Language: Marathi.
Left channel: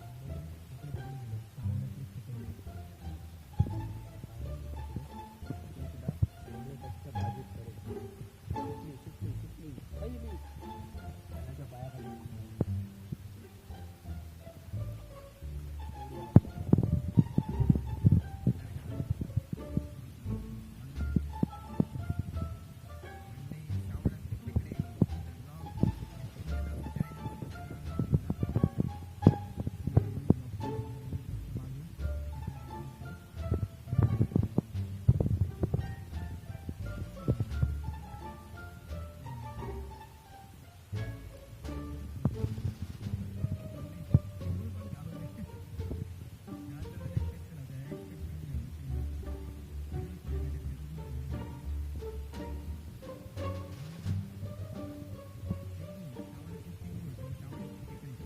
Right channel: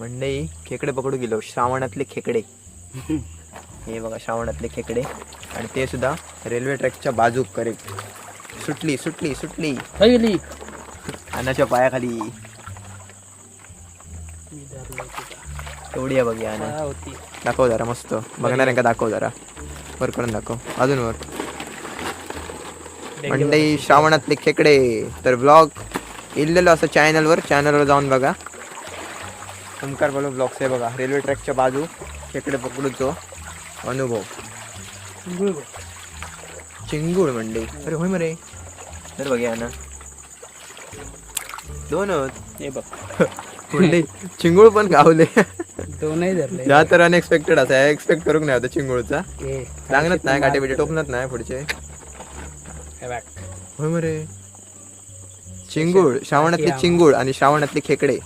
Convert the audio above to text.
मंडई खेकडे पकडू गेलो, श्रावणातले खेकडे. हे बघा श्रावणातले खेकडे, आणि ते सुद्धा रेल्वे ट्रॅकच्या बाजूक करेक्ट. सुटली सुटली सुटली काय गेली अन्नाच्या पायाखाली. एवढी आहे बघ अन्ना. होती दाखव जरा मस्त बघणाऱ्यांका दाखव जरा, वर करून दाखव अजून वर. मंडई श्रावणातले खेकडे. तर ब्लॉग इल्लेलो असं चॅनलवर जाऊन बघा. ओमकार बोलो ब्लॉग्स आहे बघा. रेल्वे ट्रॅकच्या बाजू खेकडे पकडूचो अनुभव. चिंगूळ मंडई. अरे होय मरे. तर बघूया ना दोन हे बघ मंडई चिंगूळ पण गावले. दोनही धरले या तर अनएक्सपेक्टेड असा एक्सपेक्ट करूक नाही होता चिंगूळचा. हे सांगत नाही काटे बिटे टोपणत नाही पुढचे. हे बघ होय मरे. चिंगूळ श्रावणातले चिंगूळ आणि श्रावणातले खेकडे.